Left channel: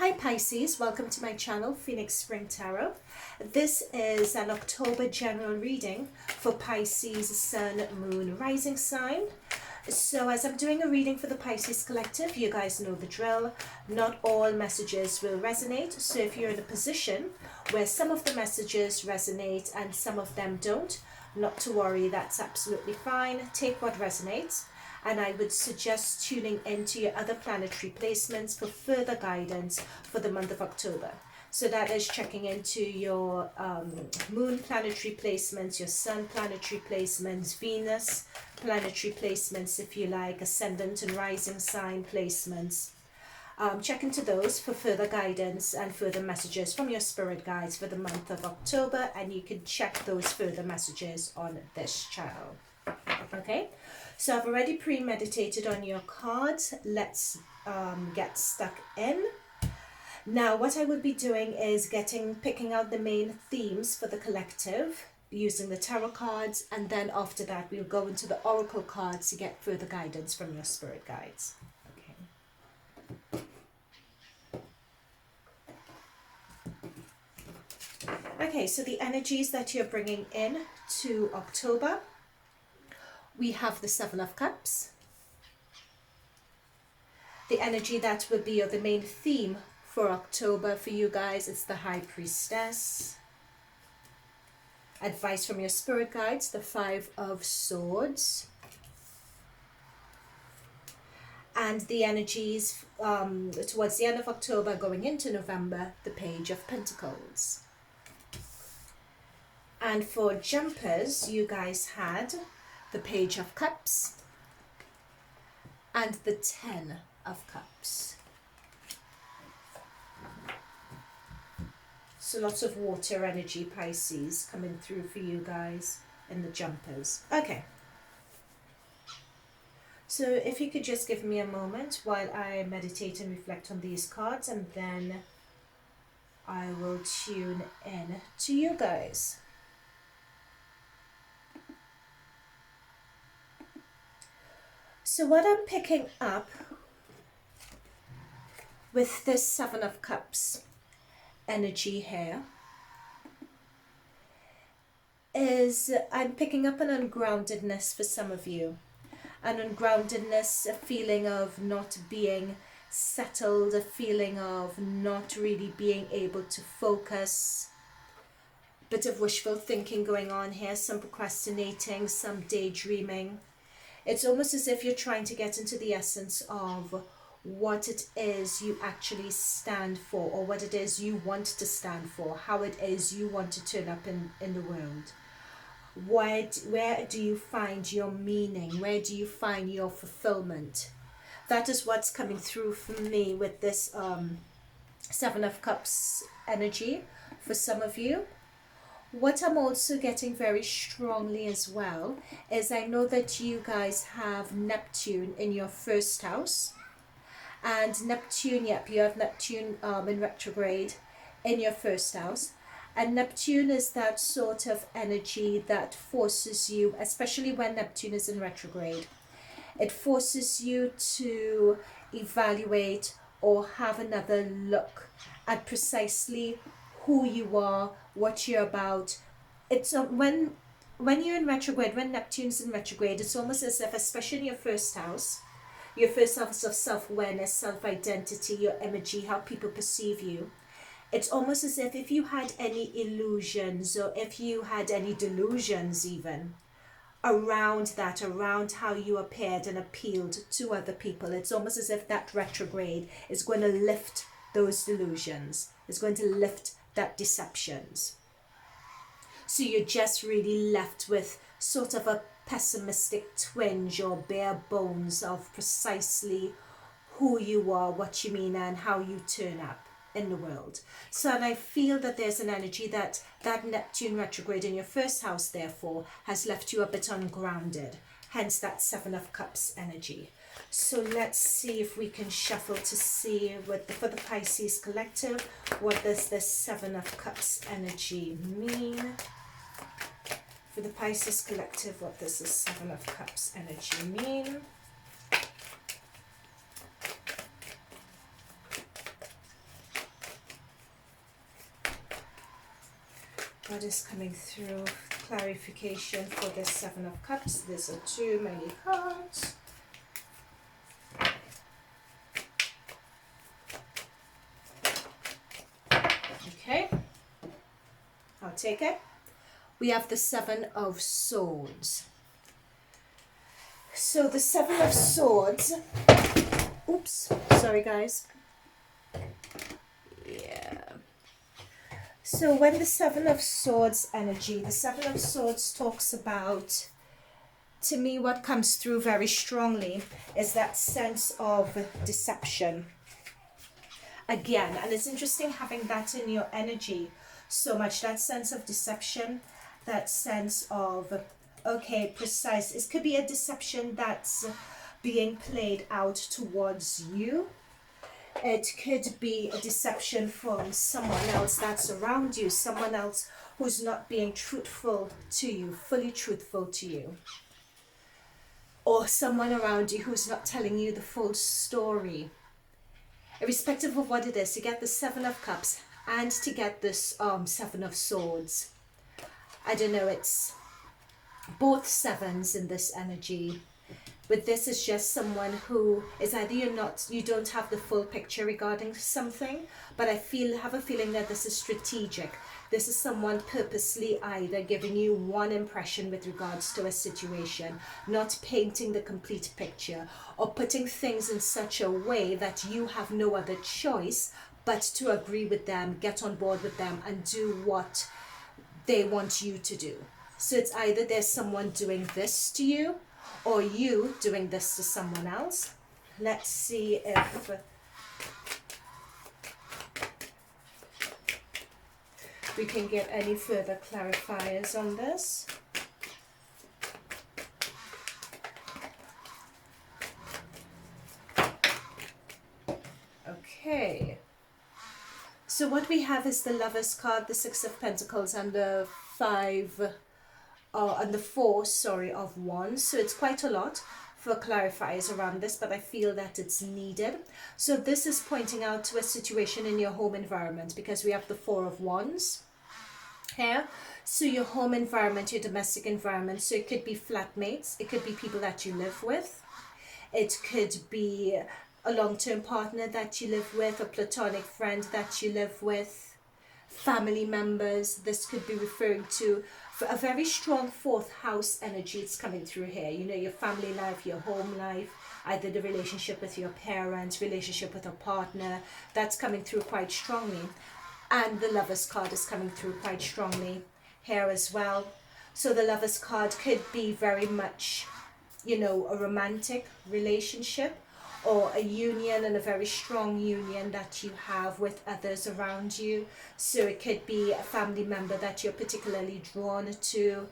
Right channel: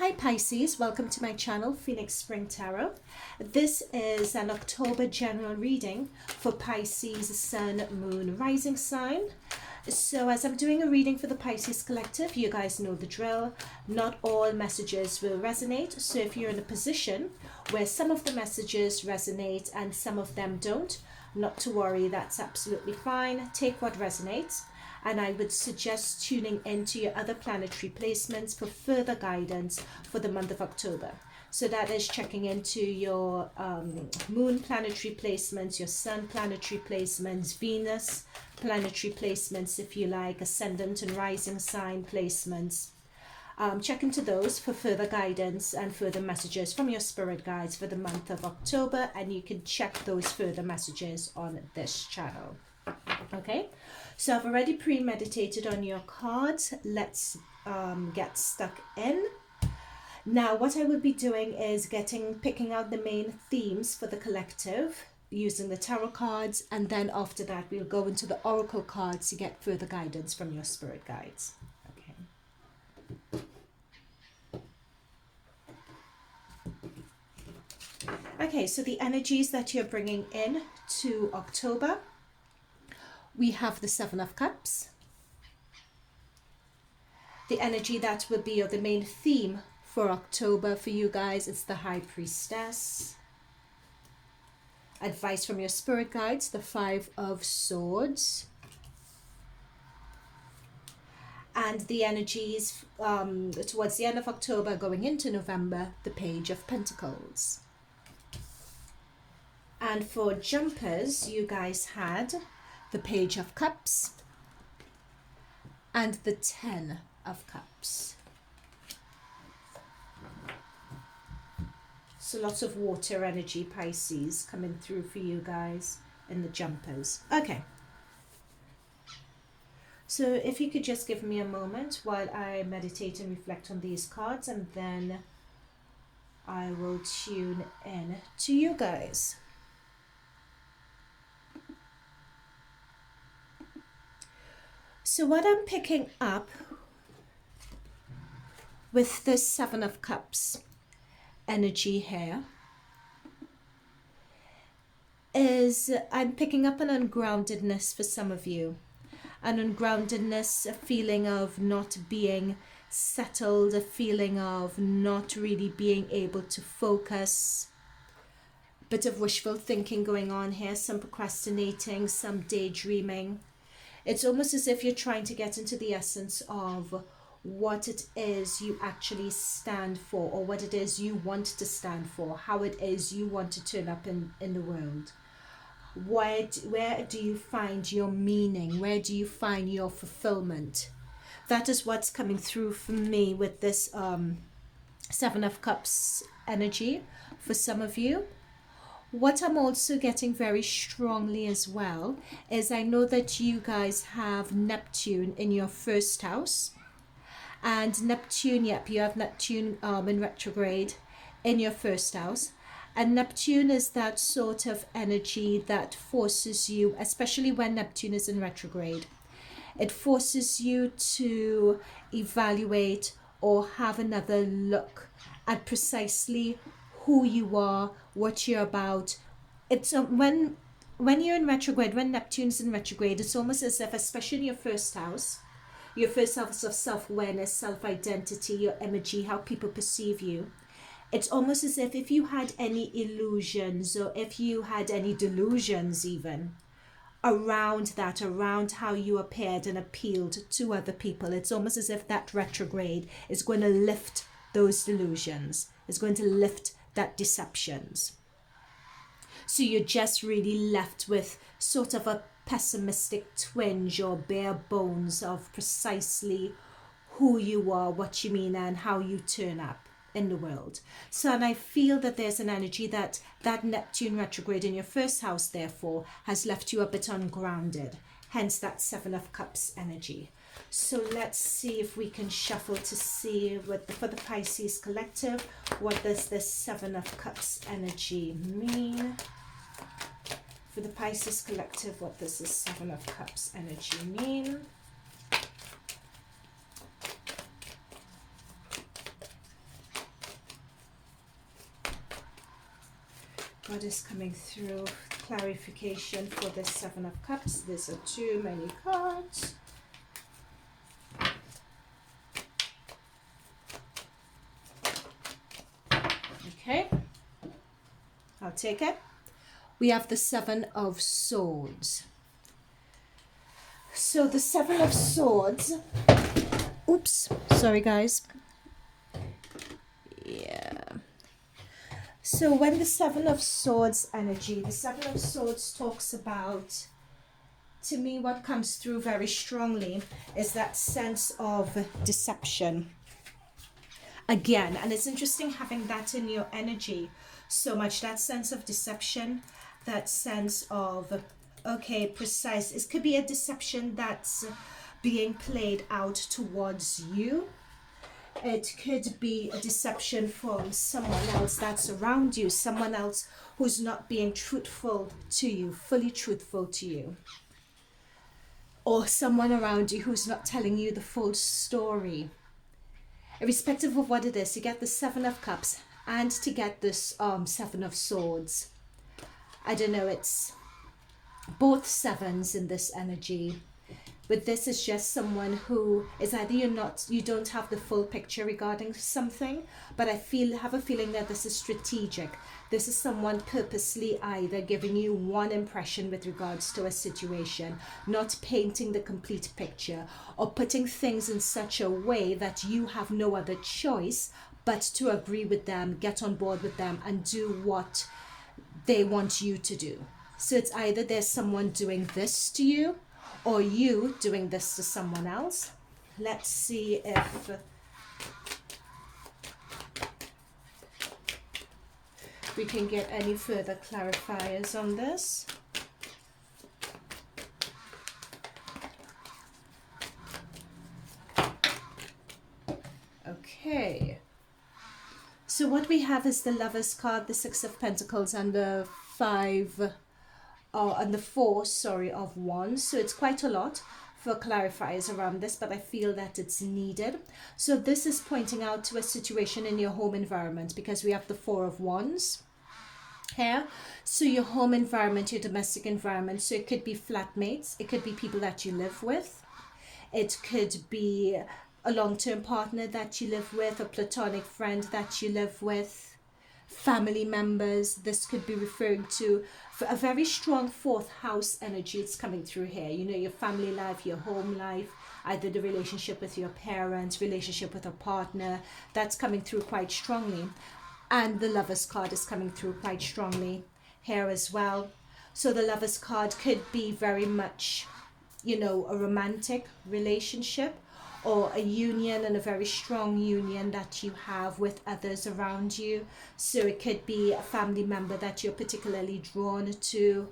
Hi Pisces, welcome to my channel, Phoenix Spring Tarot. This is an October general reading for Pisces Sun, Moon, Rising sign. So as I'm doing a reading for the Pisces collective, you guys know the drill. Not all messages will resonate. So if you're in a position where some of the messages resonate and some of them don't, not to worry, that's absolutely fine. Take what resonates. And I would suggest tuning into your other planetary placements for further guidance for the month of October. So that is checking into your moon planetary placements, your sun planetary placements, Venus planetary placements, if you like, ascendant and rising sign placements. Check into those for further guidance and further messages from your spirit guides for the month of October, and you can check those further messages on this channel. Okay, so I've already premeditated on your cards. Let's get stuck in. Now what I will be doing is picking out the main themes for the collective using the tarot cards, and then after that we'll go into the oracle cards to get further guidance from your spirit guides. Okay, so the energies that you're bringing in to October. We have the Seven of Cups. The energy that will be the main theme for October for you guys is the High Priestess. Advice from your spirit guides, the Five of Swords. And the energies towards the end of October going into November, the Page of Pentacles. And for jumpers, you guys had the Page of Cups and the Ten of Cups. So lots of water energy, Pisces, coming through for you guys in the jumpers. Okay. So if you could just give me a moment while I meditate and reflect on these cards, and then I will tune in to you guys. So what I'm picking up with this Seven of Cups energy here is I'm picking up an ungroundedness for some of you. An ungroundedness, a feeling of not being settled, a feeling of not really being able to focus. Bit of wishful thinking going on here, some procrastinating, some daydreaming. It's almost as if you're trying to get into the essence of what it is you actually stand for, or what it is you want to stand for, how it is you want to turn up in the world. Where do you find your meaning? Where do you find your fulfillment? That is what's coming through for me with this Seven of Cups energy for some of you. What I'm also getting very strongly as well is I know that you guys have Neptune in your first house. And Neptune, yep, you have Neptune in retrograde in your first house. And Neptune is that sort of energy that forces you, especially when Neptune is in retrograde, it forces you to evaluate or have another look at precisely who you are, what you're about. It's when you're in retrograde, when Neptune's in retrograde, it's almost as if, especially in your first house of self-awareness, self-identity, your energy, how people perceive you, it's almost as if you had any illusions or if you had any delusions even around that, around how you appeared and appealed to other people, it's almost as if that retrograde is going to lift those delusions, is going to lift that deceptions. So you're just really left with sort of a pessimistic twinge or bare bones of precisely who you are, what you mean, and how you turn up in the world. So, and I feel that there's an energy that Neptune retrograde in your first house, therefore, has left you a bit ungrounded. Hence that Seven of Cups energy. So let's see if we can shuffle to see for the Pisces collective, what does this Seven of Cups energy mean? For the Pisces collective, what does this Seven of Cups energy mean? What is coming through? Clarification for this Seven of Cups. These are too many cards. Okay, I'll take it. We have the Seven of Swords. So the Seven of Swords, oops, sorry guys. Yeah. So when the Seven of Swords energy, the Seven of Swords talks about, to me what comes through very strongly is that sense of deception. Again, and it's interesting having that in your energy so much, that sense of deception, that sense of, okay, precise. It could be a deception that's being played out towards you. It could be a deception from someone else that's around you, someone else who's not being truthful to you, fully truthful to you. Or someone around you who's not telling you the full story. Irrespective of what it is, to get the Seven of Cups and to get this Seven of Swords. I don't know, it's both sevens in this energy. But this is just someone who is either you don't have the full picture regarding something, but I have a feeling that this is strategic. This is someone purposely either giving you one impression with regards to a situation, not painting the complete picture, or putting things in such a way that you have no other choice but to agree with them, get on board with them, and do what they want you to do. So it's either there's someone doing this to you, or you doing this to someone else. Let's see if we can get any further clarifiers on this. Okay. So what we have is the Lovers card, the Six of Pentacles, and the Four of Wands. So it's quite a lot for clarifiers around this, but I feel that it's needed. So this is pointing out to a situation in your home environment, because we have the Four of Wands here. So your home environment, your domestic environment. So it could be flatmates, it could be people that you live with, it could be a long-term partner that you live with, a platonic friend that you live with, family members. This could be referring to a very strong fourth house energy. It's coming through here. You know, your family life, your home life, either the relationship with your parents, relationship with a partner. That's coming through quite strongly. And the Lovers card is coming through quite strongly here as well. So the Lovers card could be very much, you know, a romantic relationship, or a union, and a very strong union that you have with others around you. So it could be a family member that you're particularly drawn to,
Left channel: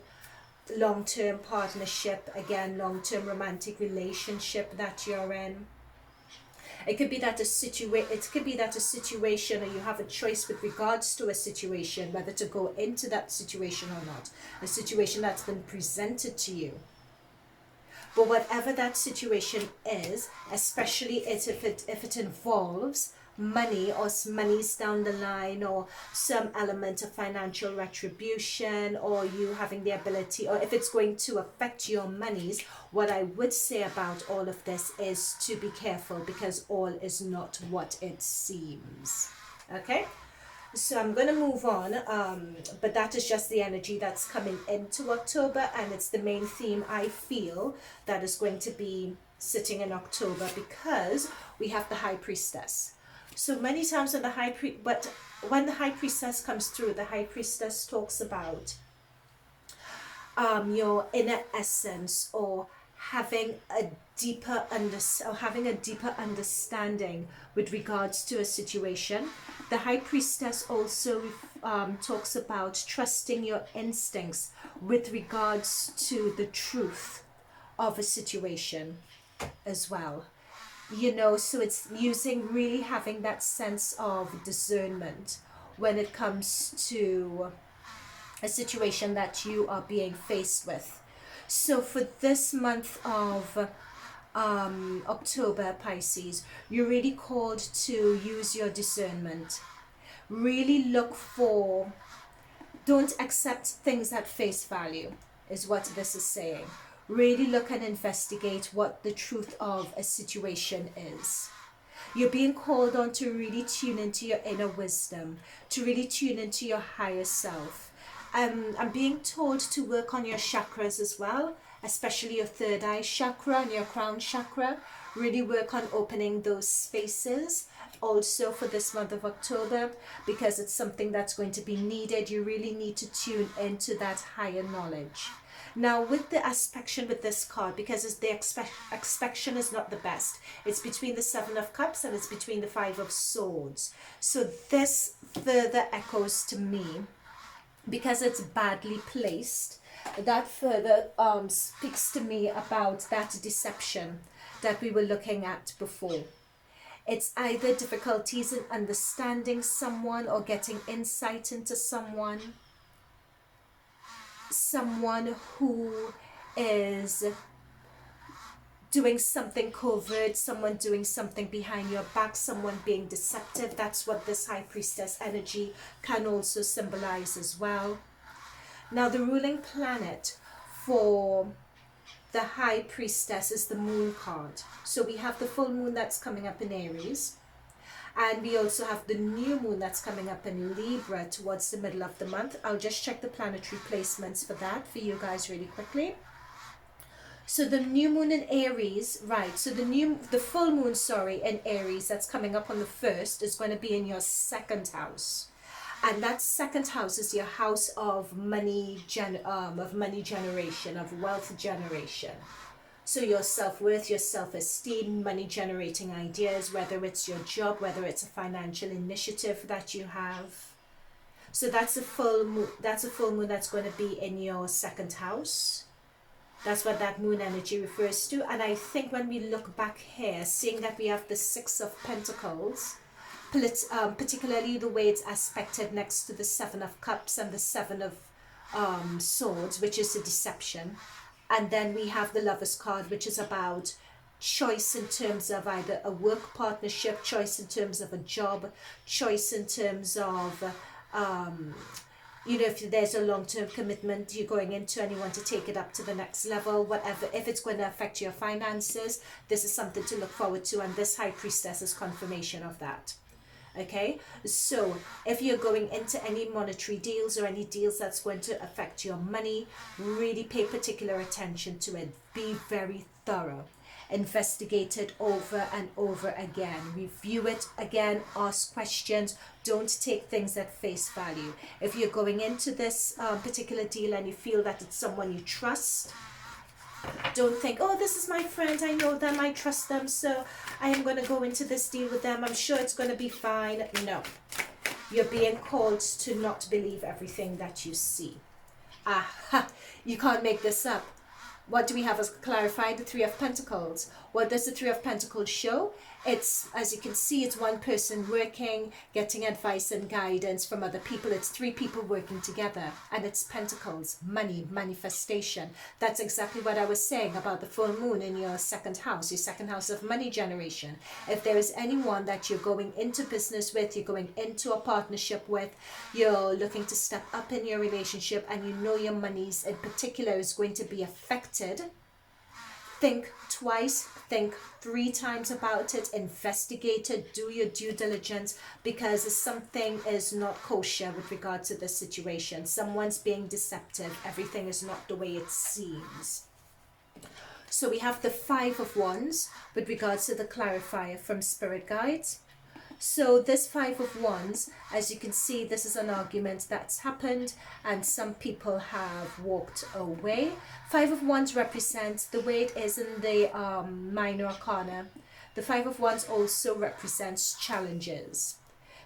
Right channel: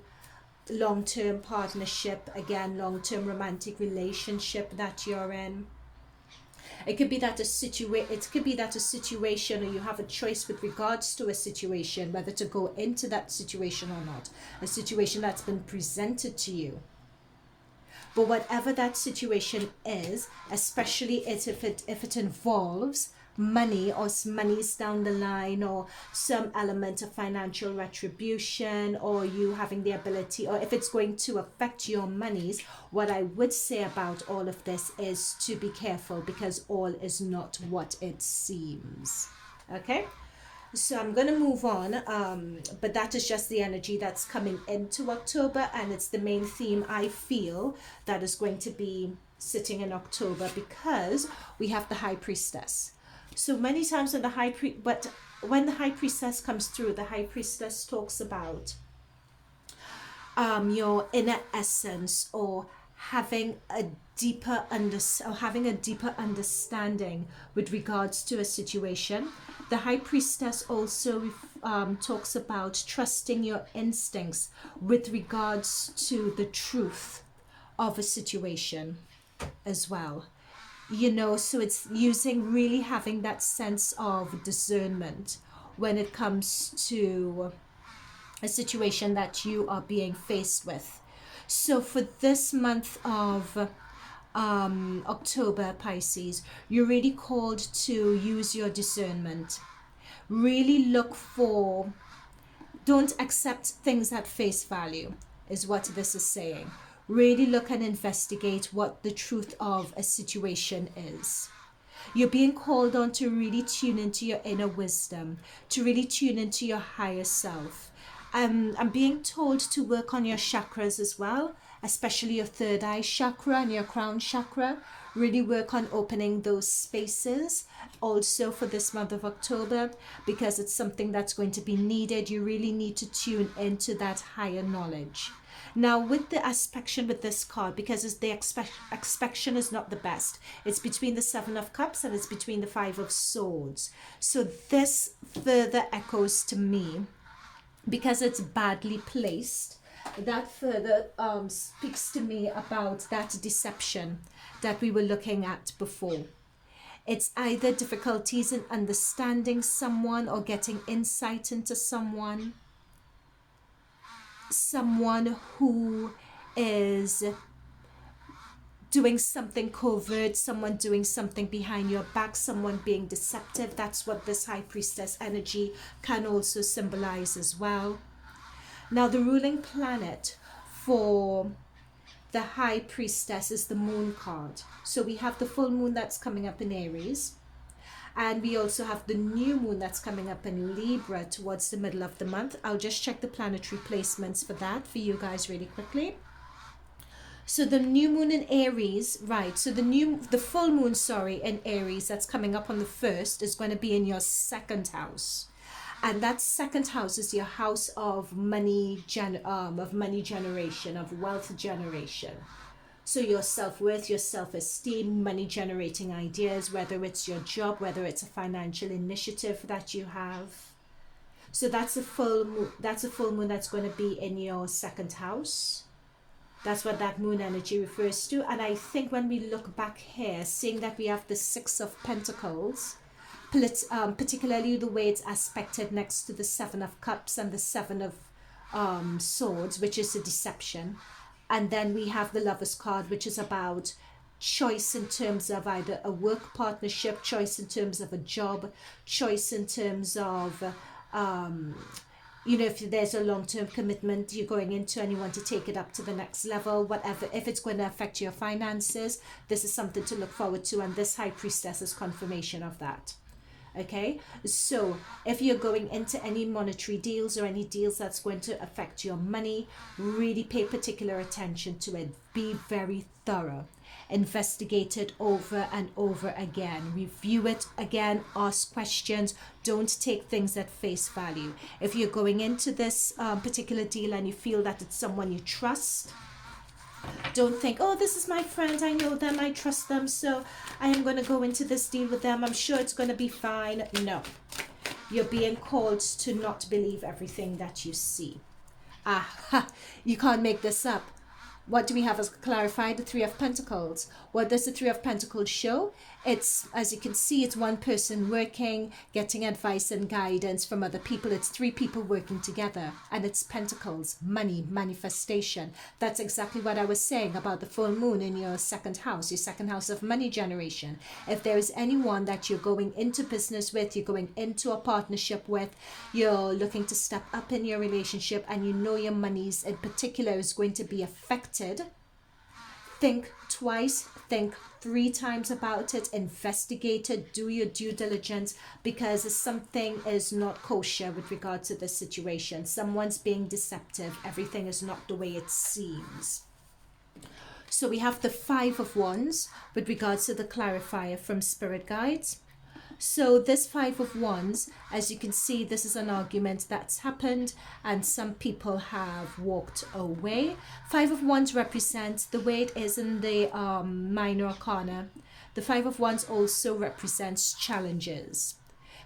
long-term partnership, again, long-term romantic relationship that you're in. It could be that a situation, or you have a choice with regards to a situation, whether to go into that situation or not. A situation that's been presented to you. But whatever that situation is, especially if it involves money, or money's down the line, or some element of financial retribution, or you having the ability, or if it's going to affect your monies, what I would say about all of this is to be careful, because all is not what it seems. Okay? So I'm going to move on, but that is just the energy that's coming into October, and it's the main theme I feel that is going to be sitting in October, because we have the High Priestess. So many times when the High Priestess comes through, the High Priestess talks about your inner essence, or having a deeper understanding with regards to a situation. The High Priestess also talks about trusting your instincts with regards to the truth of a situation as well. You know, so it's really having that sense of discernment when it comes to a situation that you are being faced with. So for this month of October, Pisces, you're really called to use your discernment. Really look for don't accept things at face value, is what this is saying. Really look and investigate what the truth of a situation is. You're being called on to really tune into your inner wisdom, to really tune into your higher self. I'm being told to work on your chakras as well, especially your third eye chakra and your crown chakra. Really work on opening those spaces also for this month of October, because it's something that's going to be needed. You really need to tune into that higher knowledge. Now with the aspect with this card, because it's the aspect is not the best, it's between the Seven of Cups and it's between the Five of Swords. So this further echoes to me, because it's badly placed, that further speaks to me about that deception that we were looking at before. It's either difficulties in understanding someone or getting insight into someone who is doing something covert, someone doing something behind your back, someone being deceptive. That's what this High Priestess energy can also symbolize as well. Now the ruling planet for the High Priestess is the Moon card. So we have the full moon that's coming up in Aries, and we also have the new moon that's coming up in Libra towards the middle of the month. I'll just check the planetary placements for that for you guys really quickly. So the new moon in Aries, right, so the full moon, in Aries that's coming up on the 1st is going to be in your second house. And that second house is your house of money generation, of wealth generation. So your self-worth, your self-esteem, money generating ideas, whether it's your job, whether it's a financial initiative that you have. So that's a full moon, that's going to be in your second house. That's what that moon energy refers to. And I think when we look back here, seeing that we have the Six of Pentacles, particularly the way it's aspected next to the Seven of Cups and the Seven of Swords, which is a deception. And then we have the Lover's card, which is about choice in terms of either a work partnership, choice in terms of a job, choice in terms of, if there's a long-term commitment you're going into and you want to take it up to the next level, whatever. If it's going to affect your finances, this is something to look forward to. And this High Priestess is confirmation of that. Okay, so if you're going into any monetary deals or any deals that's going to affect your money, really pay particular attention to it. Be very thorough. Investigate it over and over again. Review it again. Ask questions. Don't take things at face value. If you're going into this particular deal and you feel that it's someone you trust, don't think, oh, this is my friend, I know them, I trust them, so I am going to go into this deal with them, I'm sure it's going to be fine. No, you're being called to not believe everything that you see. You can't make this up. What do we have as clarified? The Three of Pentacles. What does the Three of Pentacles show? It's, as you can see, it's one person working, getting advice and guidance from other people. It's three people working together. And it's Pentacles, money, manifestation. That's exactly what I was saying about the full moon in your second house of money generation. If there is anyone that you're going into business with, you're going into a partnership with, you're looking to step up in your relationship, and you know your monies in particular is going to be affected, think twice, think 3 times about it, investigate it, do your due diligence, because something is not kosher with regard to this situation. Someone's being deceptive. Everything is not the way it seems. So we have the Five of Wands with regards to the clarifier from Spirit Guides. So this Five of Wands, as you can see, this is an argument that's happened and some people have walked away. Five of Wands represents the way it is in the minor arcana. The Five of Wands also represents challenges,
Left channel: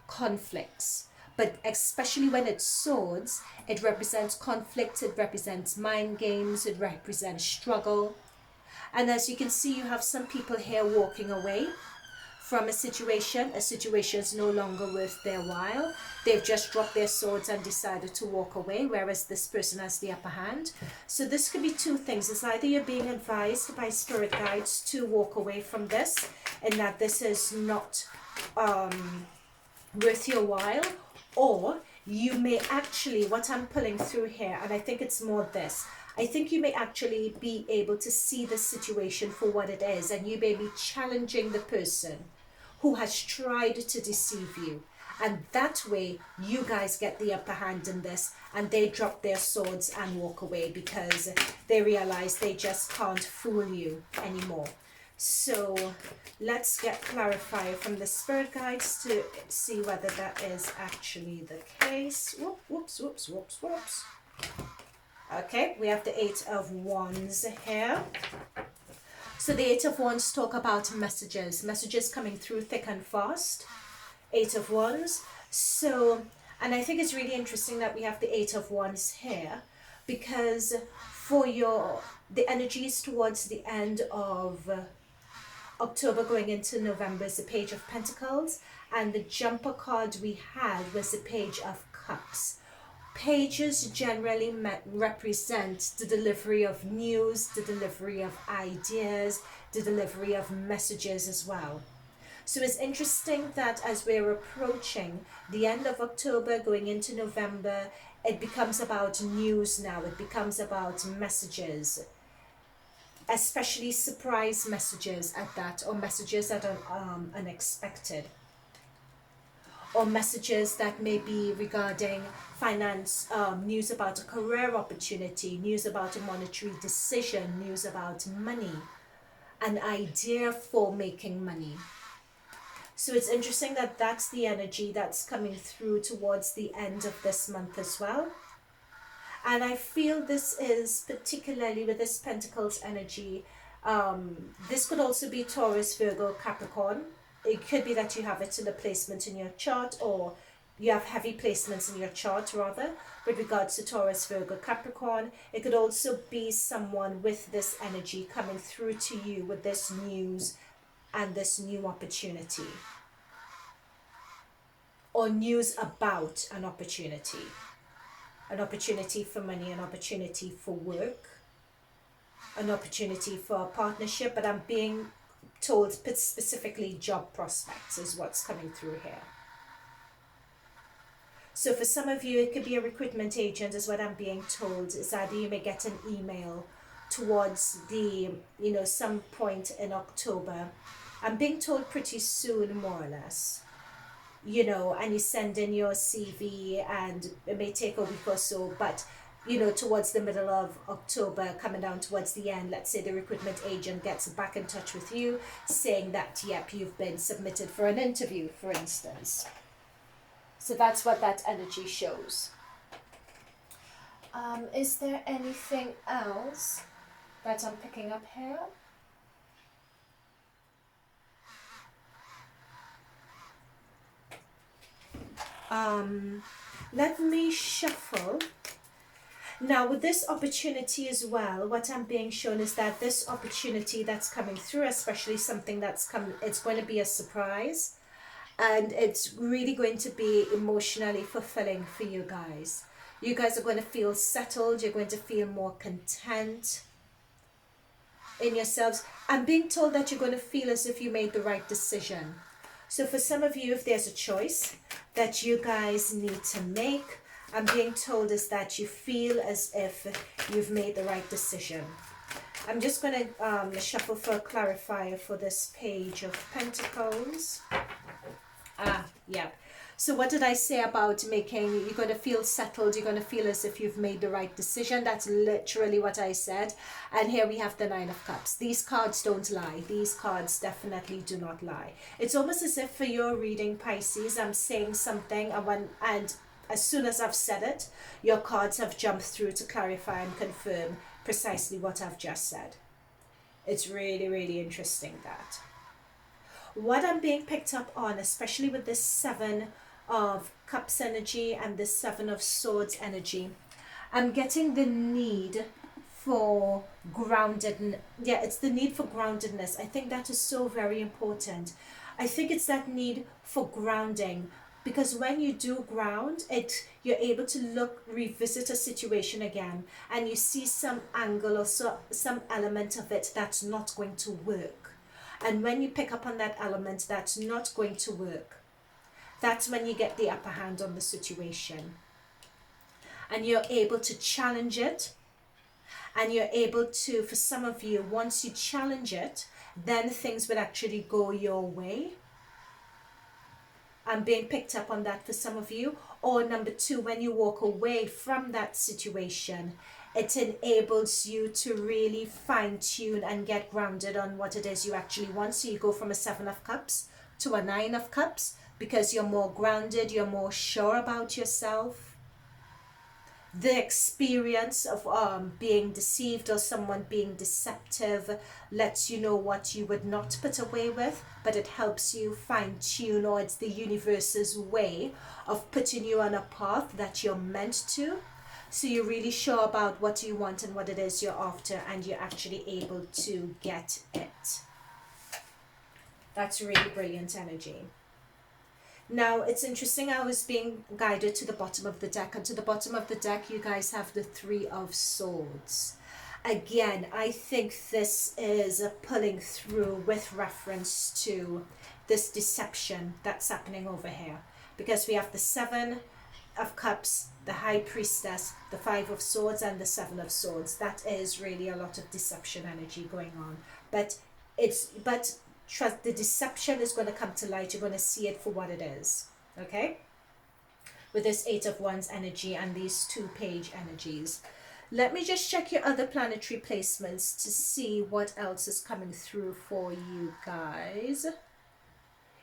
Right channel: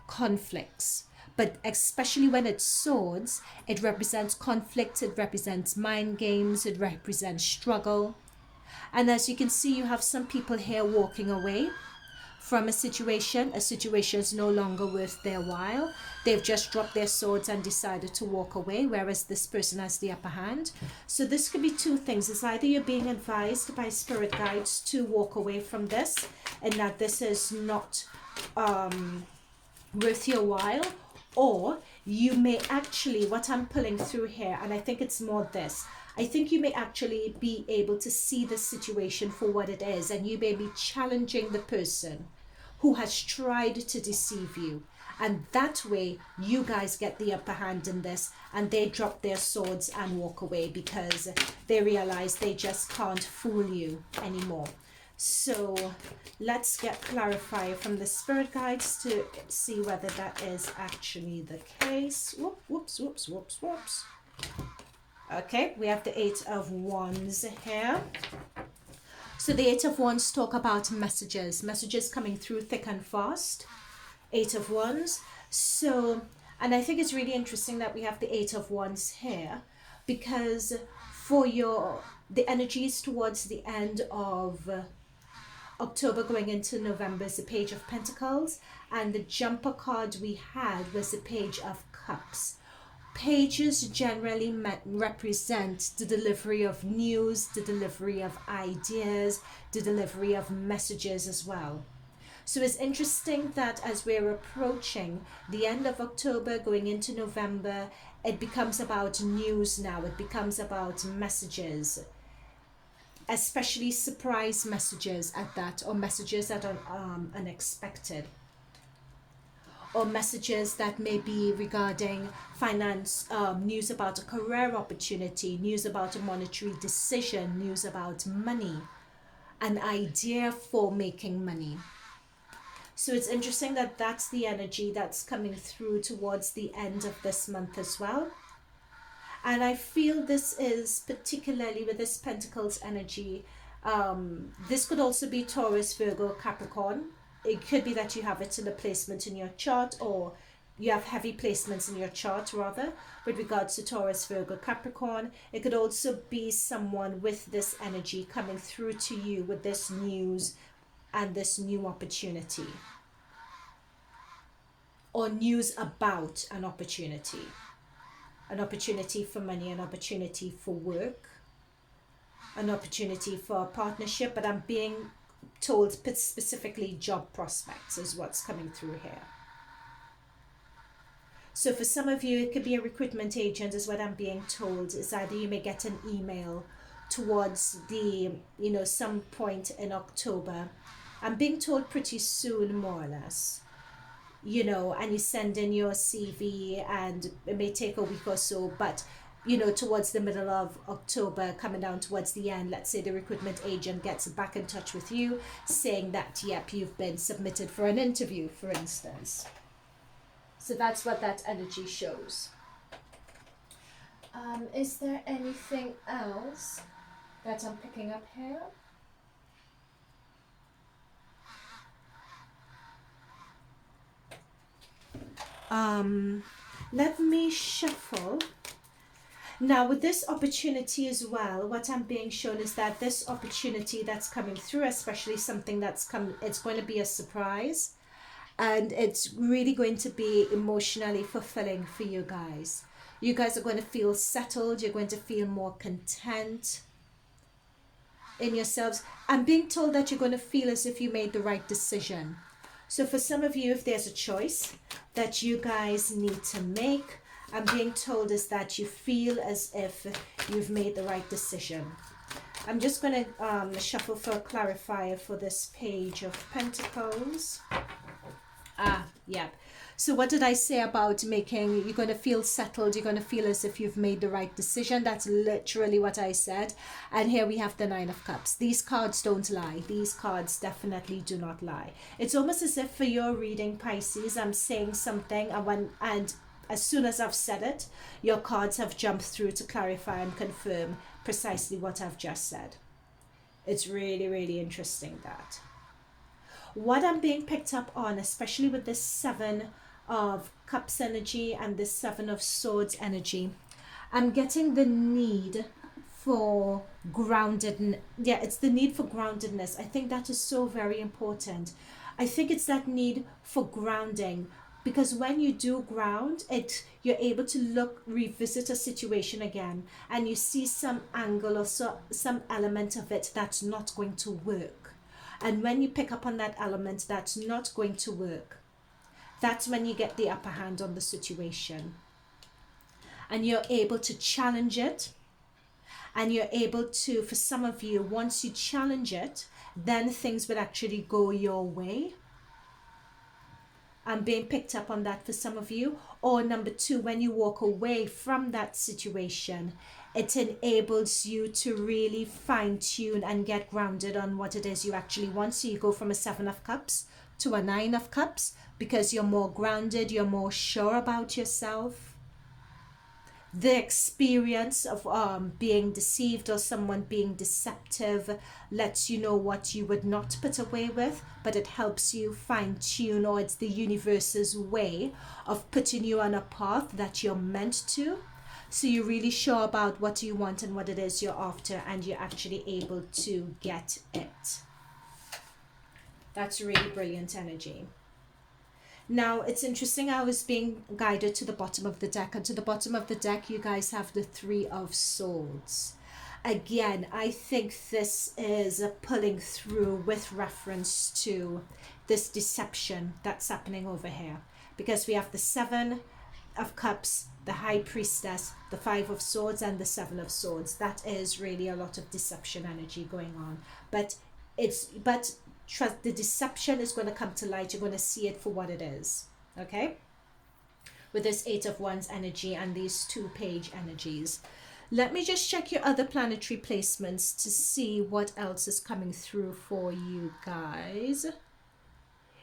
conflicts, but especially when it's swords, it represents conflict, it represents mind games, it represents struggle. And as you can see, you have some people here walking away from a situation is no longer worth their while. They've just dropped their swords and decided to walk away, whereas this person has the upper hand. So this could be 2 things. It's either you're being advised by spirit guides to walk away from this and that this is not worth your while, or you may actually, what I'm pulling through here, and I think it's more this, I think you may actually be able to see the situation for what it is, and you may be challenging the person who has tried to deceive you. And that way, you guys get the upper hand in this, and they drop their swords and walk away because they realize they just can't fool you anymore. So let's get clarified from the spirit guides to see whether that is actually the case. Whoops, whoops, whoops, whoops. Okay, we have the Eight of Wands here. So the Eight of Wands talk about messages coming through thick and fast. Eight of Wands. So, and I think it's really interesting that we have the Eight of Wands here, because for the energies towards the end of October going into November is the Page of Pentacles, and the jumper card we had was the Page of Cups. Pages generally represent the delivery of news, the delivery of ideas, the delivery of messages as well. So it's interesting that as we're approaching the end of October, going into November, it becomes about news now. It becomes about messages, especially surprise messages at that, or messages that are unexpected, or messages that may be regarding finance, news about a career opportunity, news about a monetary decision, news about money, an idea for making money. So it's interesting that that's the energy that's coming through towards the end of this month as well. And I feel this is particularly with this Pentacles energy. This could also be Taurus, Virgo, Capricorn. It could be that you have it in a placement in your chart, or you have heavy placements in your chart rather, with regards to Taurus, Virgo, Capricorn. It could also be someone with this energy coming through to you with this news and this new opportunity, or news about an opportunity for money, an opportunity for work, an opportunity for a partnership, but I'm being told specifically job prospects is what's coming through here. So for some of you, it could be a recruitment agent is what I'm being told, is that you may get an email towards the, some point in October. I'm being told pretty soon, more or less, and you send in your CV, and it may take a week or so, but towards the middle of October, coming down towards the end, let's say the recruitment agent gets back in touch with you saying that, yep, you've been submitted for an interview, for instance. So that's what that energy shows. Is there anything else that I'm picking up here? Let me shuffle. Now with this opportunity as well, what I'm being shown is that this opportunity that's coming through, especially something that's come, it's going to be a surprise, and it's really going to be emotionally fulfilling for you guys. You guys are going to feel settled. You're going to feel more content in yourselves. I'm being told that you're going to feel as if you made the right decision. So for some of you, if there's a choice that you guys need to make, I'm being told is that you feel as if you've made the right decision. I'm just going to shuffle for a clarifier for this Page of Pentacles. Yeah. So what did I say about making, you're going to feel settled, you're going to feel as if you've made the right decision. That's literally what I said. And here we have the Nine of Cups. These cards don't lie. These cards definitely do not lie. It's almost as if for your reading, Pisces, I'm saying something, and as soon as I've said it, your cards have jumped through to clarify and confirm precisely what I've just said. It's really, really interesting that. What I'm being picked up on, especially with this Seven of Cups energy and this Seven of Swords energy, I'm getting the need for grounded. Yeah, it's the need for groundedness. I think that is so very important. I think it's that need for grounding, because when you do ground it, you're able to revisit a situation again, and you see some angle or some element of it that's not going to work. And when you pick up on that element that's not going to work, that's when you get the upper hand on the situation. And you're able to challenge it. And you're able to, for some of you, once you challenge it, then things will actually go your way. I'm being picked up on that for some of you. Or number two, when you walk away from that situation, it enables you to really fine tune and get grounded on what it is you actually want. So you go from a 7 of Cups to a 9 of Cups because you're more grounded, you're more sure about yourself. The experience of being deceived or someone being deceptive lets you know what you would not put away with, but it helps you fine tune, or it's the universe's way of putting you on a path that you're meant to. So you're really sure about what you want and what it is you're after, and you're actually able to get it. That's really brilliant energy. Now, it's interesting, I was being guided to the bottom of the deck, and to the bottom of the deck, you guys have the 3 of Swords. Again, I think this is a pulling through with reference to this deception that's happening over here. Because we have the 7 of Cups, the High Priestess, the 5 of Swords, and the 7 of Swords. That is really a lot of deception energy going on. But trust, the deception is going to come to light. You're going to see it for what it is. Okay? With this 8 of Wands energy and these 2 Page energies. Let me just check your other planetary placements to see what else is coming through for you guys.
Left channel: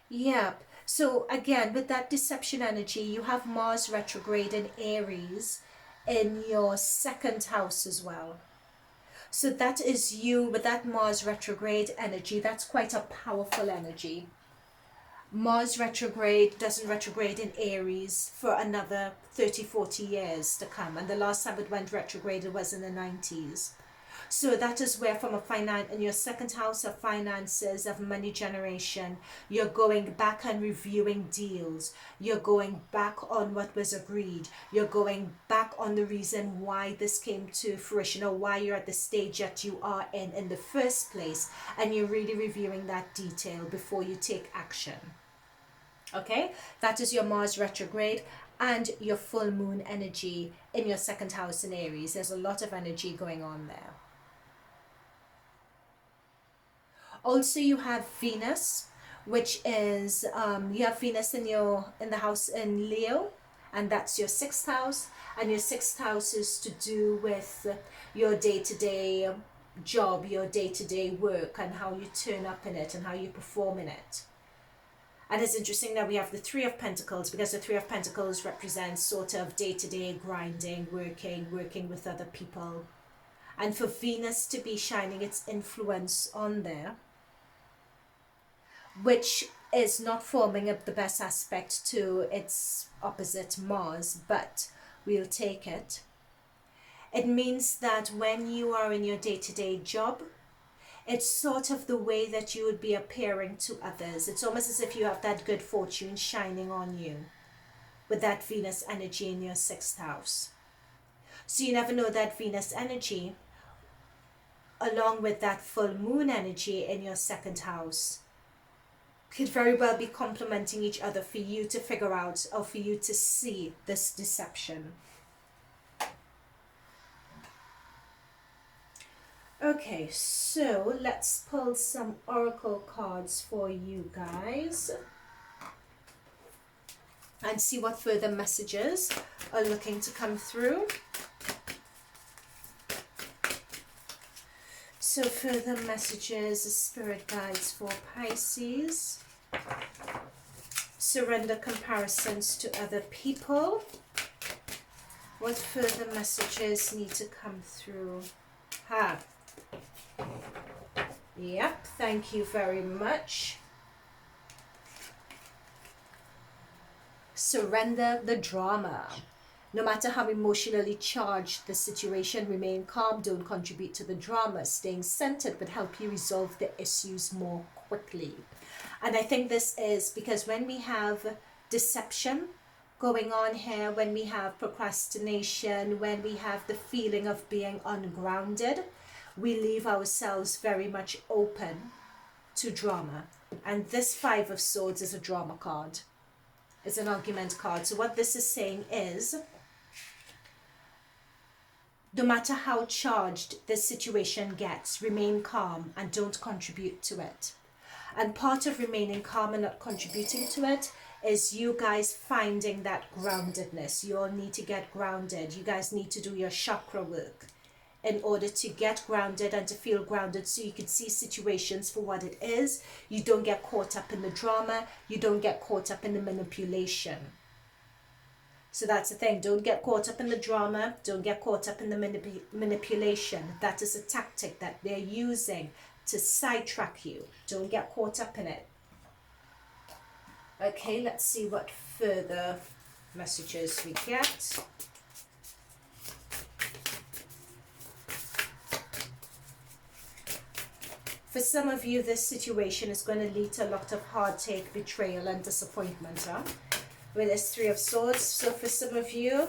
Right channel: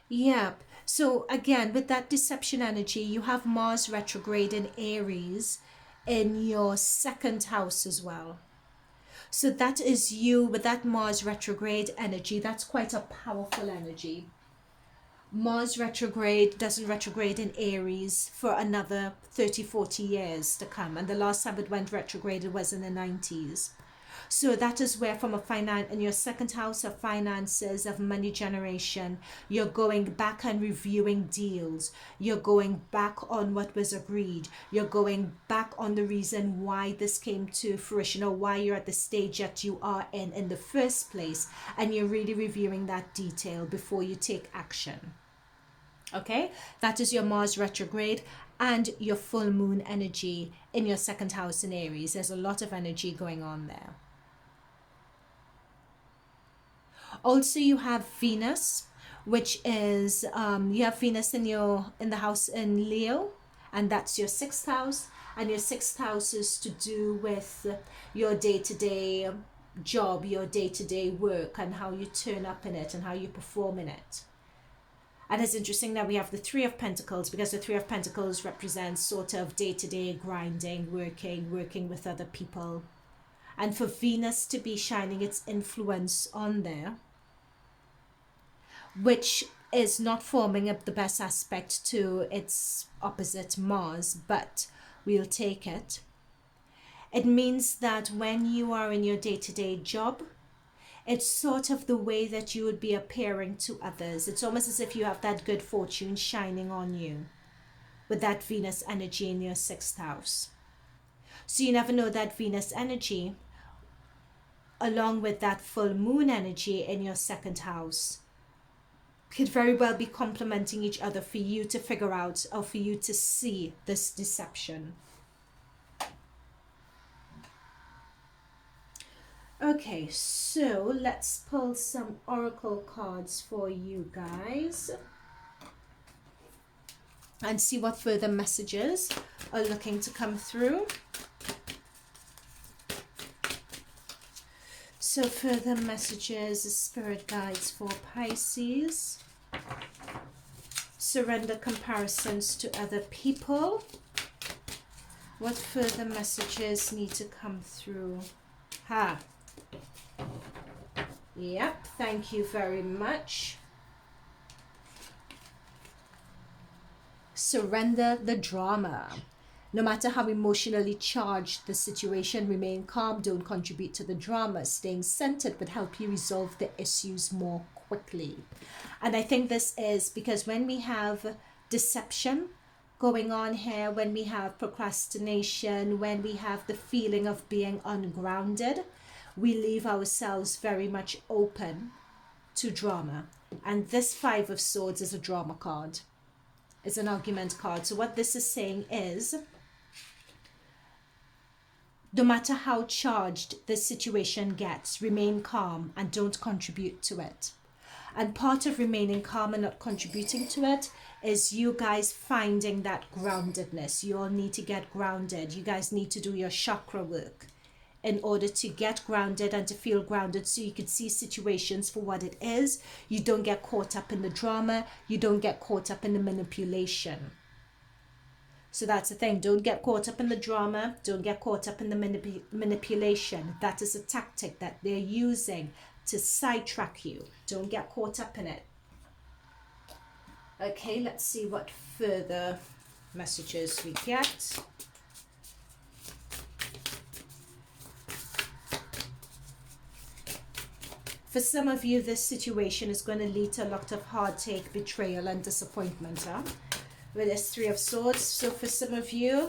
Yep. So again, with that deception energy, you have Mars retrograde in Aries in your 2nd house as well. So that is you with that Mars retrograde energy. That's quite a powerful energy. Mars retrograde doesn't retrograde in Aries for another 30-40 years to come. And the last time it went retrograde, it was in the 90s. So that is where from in your 2nd house of finances, of money generation, you're going back and reviewing deals. You're going back on what was agreed. You're going back on the reason why this came to fruition, or why you're at the stage that you are in the first place. And you're really reviewing that detail before you take action. Okay, that is your Mars retrograde and your full moon energy in your 2nd house in Aries. There's a lot of energy going on there. Also, you have Venus, which is you have Venus in the house in Leo, and that's your 6th house. And your 6th house is to do with your day-to-day job, your day-to-day work, and how you turn up in it and how you perform in it. And it's interesting that we have the 3 of Pentacles, because the 3 of Pentacles represents sort of day-to-day grinding, working with other people. And for Venus to be shining its influence on there, which is not forming the best aspect to its opposite Mars, but we'll take it. It means that when you are in your day-to-day job, it's sort of the way that you would be appearing to others. It's almost as if you have that good fortune shining on you with that Venus energy in your 6th house. So you never know, that Venus energy, along with that full moon energy in your 2nd house, could very well be complementing each other for you to figure out, or for you to see this deception. Okay, so let's pull some oracle cards for you guys and see what further messages are looking to come through. So further messages, spirit guides for Pisces. Surrender comparisons to other people. What further messages need to come through? Yep, thank you very much. Surrender the drama. No matter how emotionally charged the situation, remain calm, don't contribute to the drama. Staying centered would help you resolve the issues more quickly. And I think this is because when we have deception going on here, when we have procrastination, when we have the feeling of being ungrounded, we leave ourselves very much open to drama. And this 5 of Swords is a drama card. It's an argument card. So what this is saying is, no matter how charged this situation gets, remain calm and don't contribute to it. And part of remaining calm and not contributing to it is you guys finding that groundedness. You all need to get grounded. You guys need to do your chakra work in order to get grounded and to feel grounded, so you can see situations for what it is. You don't get caught up in the drama. You don't get caught up in the manipulation. So that's the thing. Don't get caught up in the drama. Don't get caught up in the manipulation. That is a tactic that they're using to sidetrack you. Don't get caught up in it. Okay, let's see what further messages we get. For some of you, this situation is going to lead to a lot of heartache, betrayal, and disappointment. With this Three of Swords. So for some of you,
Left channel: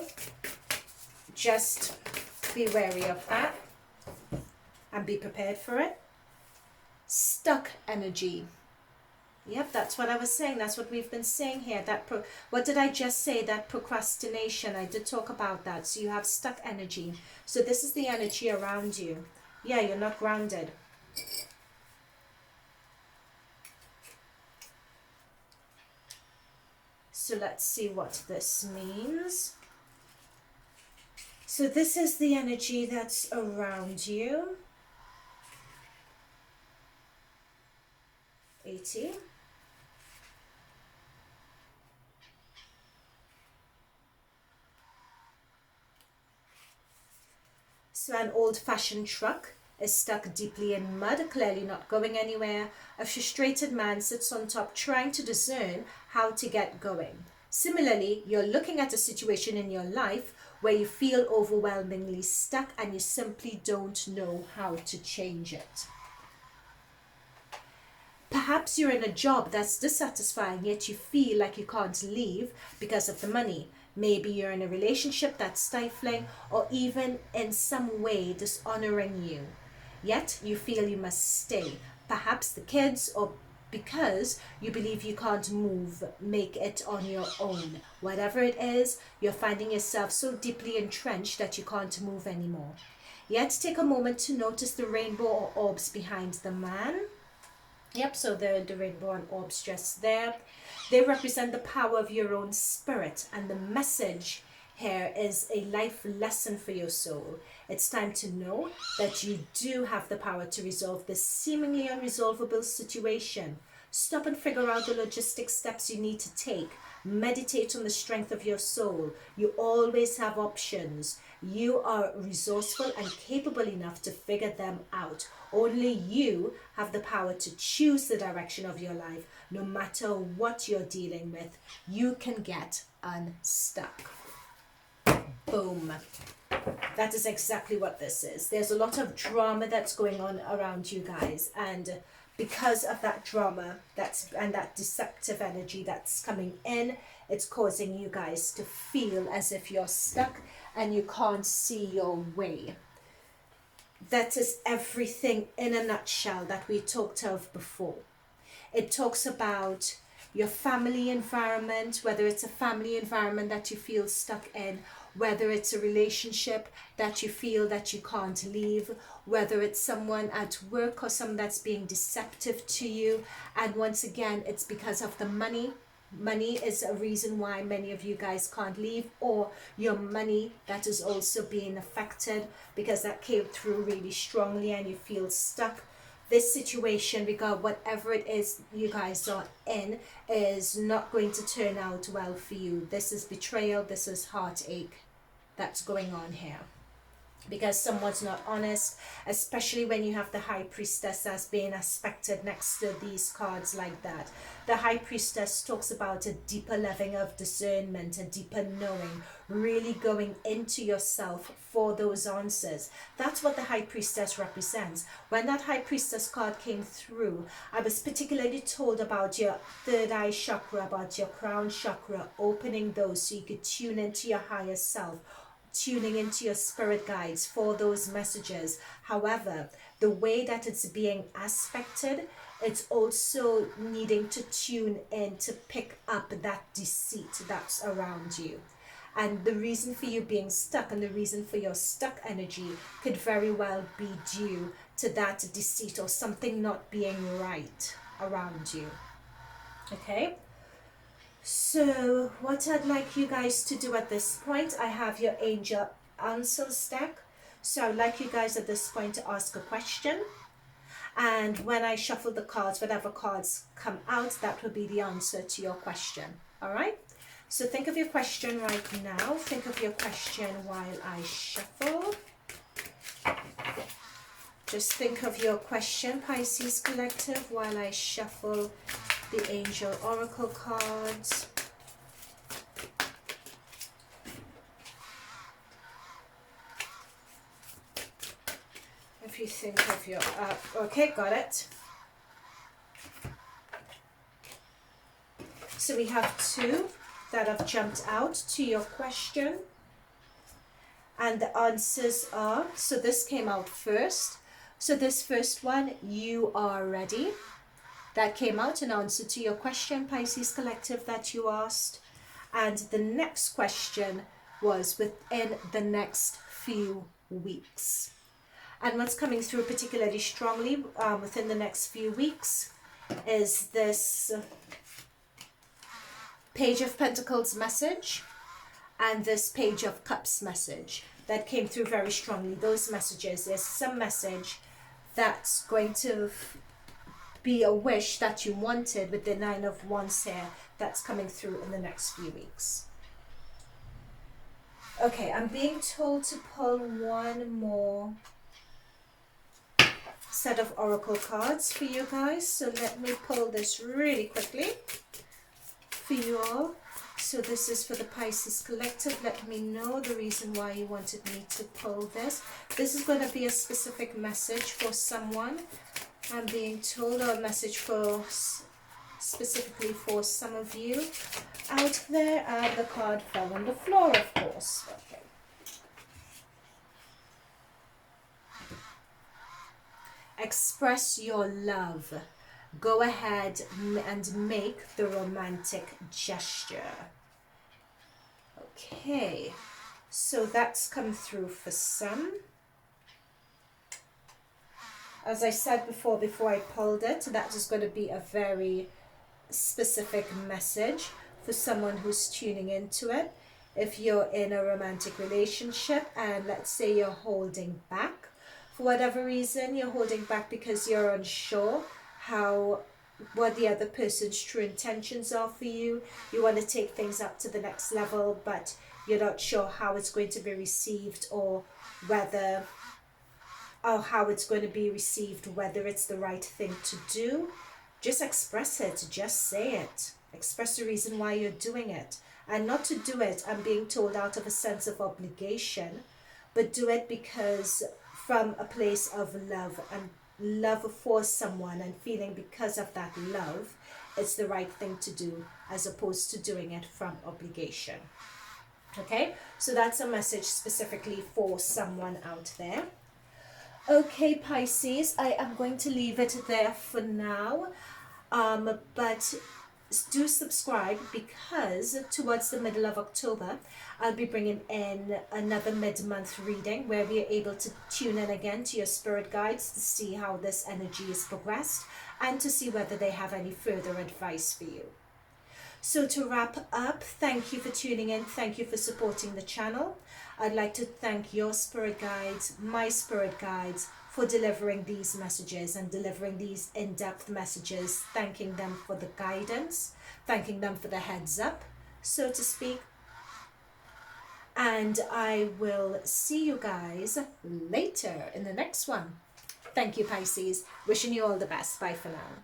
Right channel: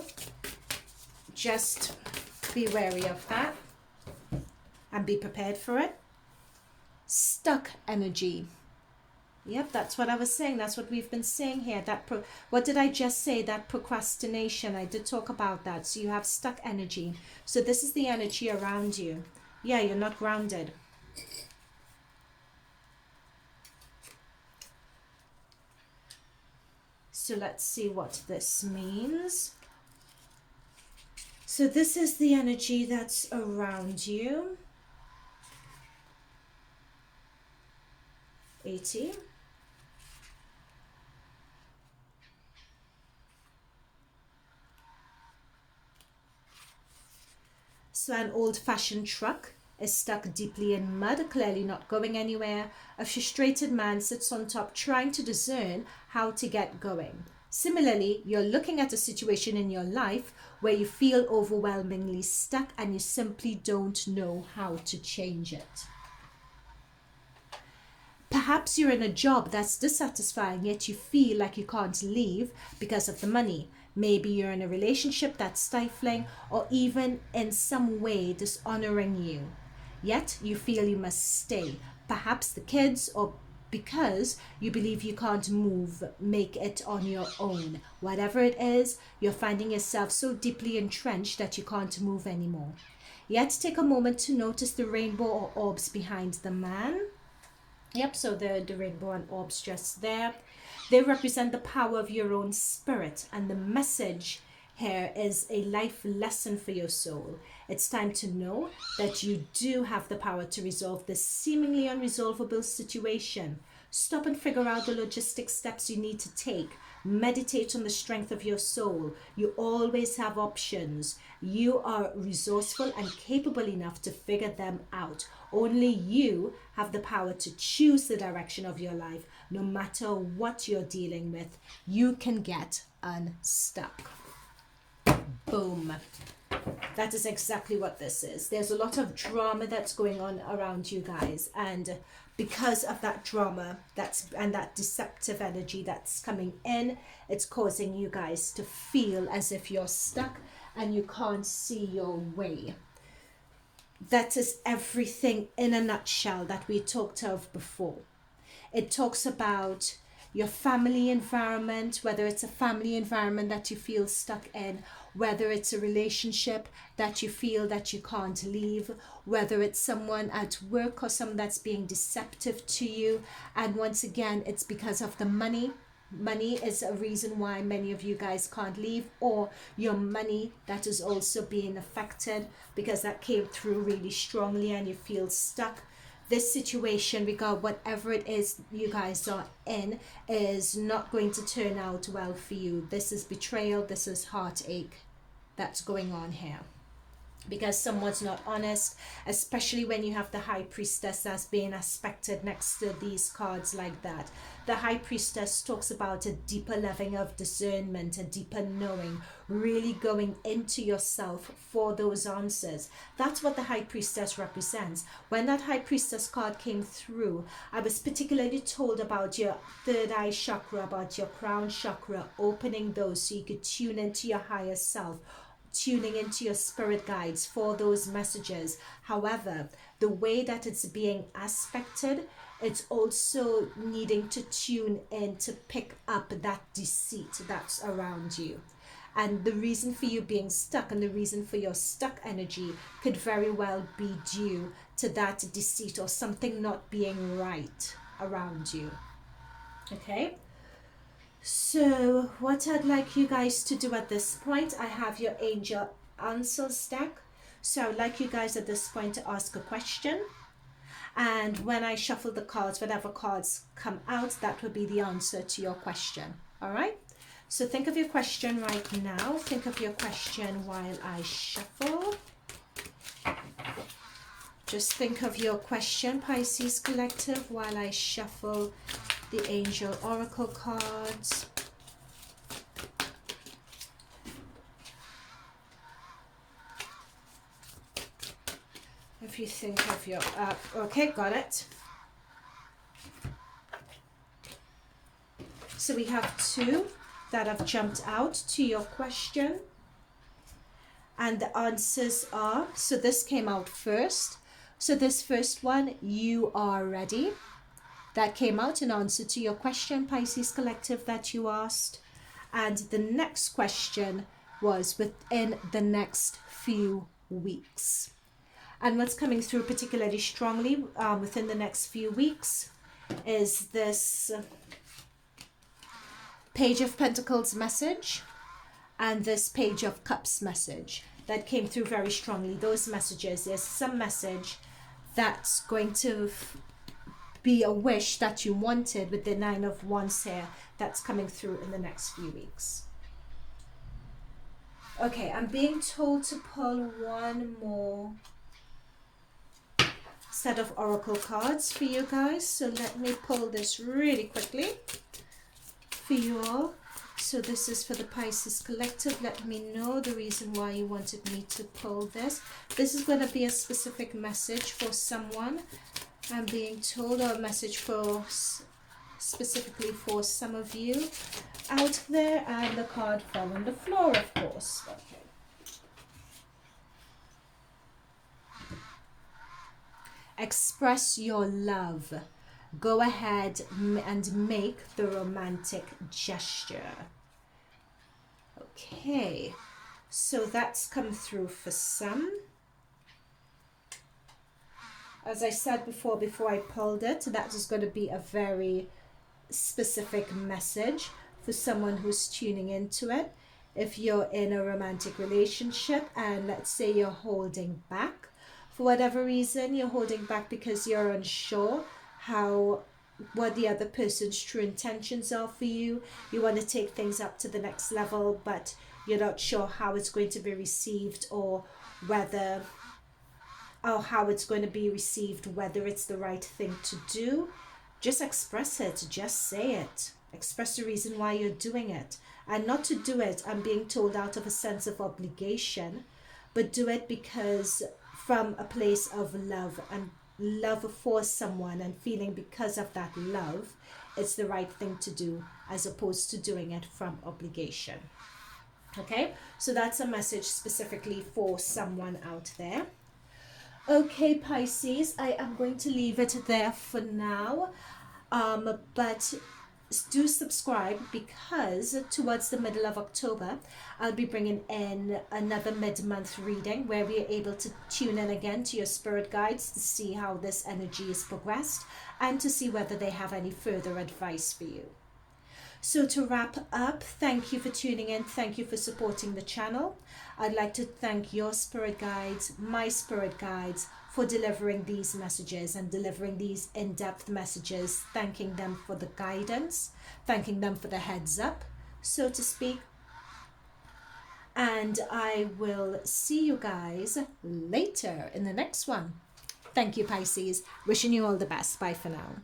just be wary of that and be prepared for it. Stuck energy. Yep, that's what I was saying. That's what we've been saying here. What did I just say? That procrastination. I did talk about that. So you have stuck energy. So this is the energy around you. Yeah, you're not grounded. So let's see what this means. So this is the energy that's around you. 80. So an old-fashioned truck is stuck deeply in mud, clearly not going anywhere. A frustrated man sits on top trying to discern how to get going. Similarly, you're looking at a situation in your life where you feel overwhelmingly stuck and you simply don't know how to change it. Perhaps you're in a job that's dissatisfying, yet you feel like you can't leave because of the money. Maybe you're in a relationship that's stifling or even in some way dishonoring you. Yet you feel you must stay. Perhaps the kids, or because you believe you can't make it on your own. Whatever it is, you're finding yourself so deeply entrenched that you can't move anymore. Yet take a moment to notice the rainbow or orbs behind the man. Yep, so the rainbow and orbs just there. They represent the power of your own spirit, and the message here is a life lesson for your soul. It's time to know that you do have the power to resolve this seemingly unresolvable situation. Stop and figure out the logistic steps you need to take. Meditate on the strength of your soul. You always have options. You are resourceful and capable enough to figure them out. Only you have the power to choose the direction of your life. No matter what you're dealing with, you can get unstuck. Boom. That is exactly what this is. There's a lot of drama that's going on around you guys, and because of that drama and that deceptive energy that's coming in, it's causing you guys to feel as if you're stuck and you can't see your way. That is everything in a nutshell that we talked of before. It talks about your family environment, whether it's a family environment that you feel stuck in, whether it's a relationship that you feel that you can't leave, whether it's someone at work or someone that's being deceptive to you. And once again, it's because of the money. Money is a reason why many of you guys can't leave, or your money that is also being affected because that came through really strongly and you feel stuck. This situation, regard whatever it is you guys are in, is not going to turn out well for you. This is betrayal. This is heartache that's going on here. Because someone's not honest, especially when you have the High Priestess as being aspected next to these cards like that. The High Priestess talks about a deeper level of discernment, a deeper knowing, really going into yourself for those answers. That's what the High Priestess represents. When that High Priestess card came through, I was particularly told about your third eye chakra, about your crown chakra, opening those so you could tune into your higher self, tuning into your spirit guides for those messages. However, the way that it's being aspected it's also needing to tune in to pick up that deceit that's around you. And the reason for you being stuck and the reason for your stuck energy could very well be due to that deceit or something not being right around you. Okay? So what I'd like you guys to do at this point, I have your angel answers deck. So I'd like you guys at this point to ask a question. And when I shuffle the cards, whatever cards come out, that will be the answer to your question. All right? So think of your question right now. Think of your question while I shuffle. Just think of your question, Pisces Collective, while I shuffle the Angel Oracle cards. If you think of your... okay, got it. So we have two that have jumped out to your question. And the answers are... so this came out first. So this first one, you are ready. That came out in answer to your question, Pisces Collective, that you asked. And the next question was within the next few weeks. And what's coming through particularly strongly within the next few weeks is this Page of Pentacles message and this Page of Cups message that came through very strongly. Those messages, there's some message that's going to be a wish that you wanted with the Nine of Wands here that's coming through in the next few weeks. Okay, I'm being told to pull one more set of oracle cards for you guys, so let me pull this really quickly for you all. So this is for the Pisces Collective. Let me know the reason why you wanted me to pull this. This is going to be a specific message for someone, I'm being told, or a message for specifically for some of you out there. And the card fell on the floor, of course. Okay. Express your love. Go ahead and make the romantic gesture. Okay, so that's come through for some. As I said before I pulled it, that is going to be a very specific message for someone who's tuning into it. If you're in a romantic relationship and let's say you're holding back, for whatever reason, you're holding back because you're unsure what the other person's true intentions are for you. You want to take things up to the next level, but you're not sure how it's going to be received or how it's going to be received, whether it's the right thing to do. Just express it. Just say it. Express the reason why you're doing it. And not to do it, I'm being told, out of a sense of obligation, but do it because from a place of love and love for someone, and feeling because of that love it's the right thing to do, as opposed to doing it from obligation. Okay, so that's a message specifically for someone out there. Okay, Pisces, I am going to leave it there for now, but do subscribe, because towards the middle of October I'll be bringing in another mid-month reading where we are able to tune in again to your spirit guides to see how this energy is progressed and to see whether they have any further advice for you. So to wrap up, thank you for tuning in. Thank you for supporting the channel. I'd like to thank your spirit guides, my spirit guides, for delivering these messages and delivering these in-depth messages, thanking them for the guidance, thanking them for the heads up, so to speak. And I will see you guys later in the next one. Thank you, Pisces. Wishing you all the best. Bye for now.